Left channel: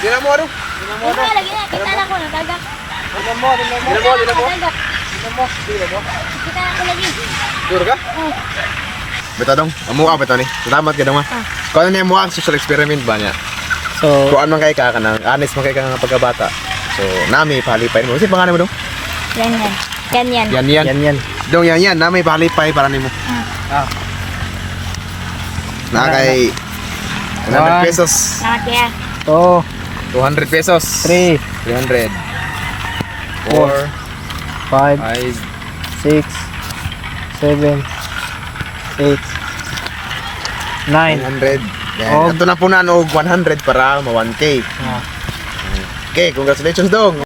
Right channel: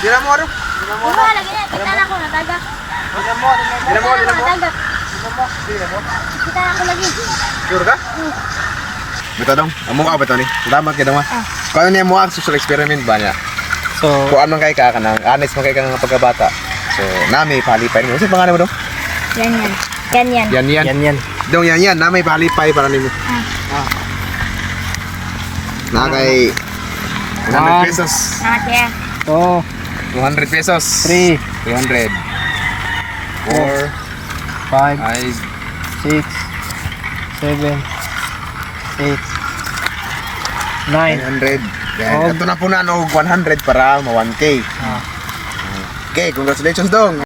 Dila mo ano? Ano lagi na, kita na ko natagak. Dila mo. Natagak. Kita ako lagi. Sure ka? Beto dong, amo ka beto ni. Salamat ka dong ma. Kung ano niya mo ang social experiment ba niya? So, Kung anong kay ka kanang honest man kay ka ng pagkabata. So, nami palipay mo. Kasi pangalan mo dong? Yan. Yan. Dong yan. Nami palipay para nimo. Na kay 100 pesos. Salamat kaya. 2, 200 pesos. 3, 300. 4, 5, 5, 6, 7, 8, 9. 900. Yan. Oh. Ito na po na 100 para ma 1K. Ah. Okay, congratulations dong.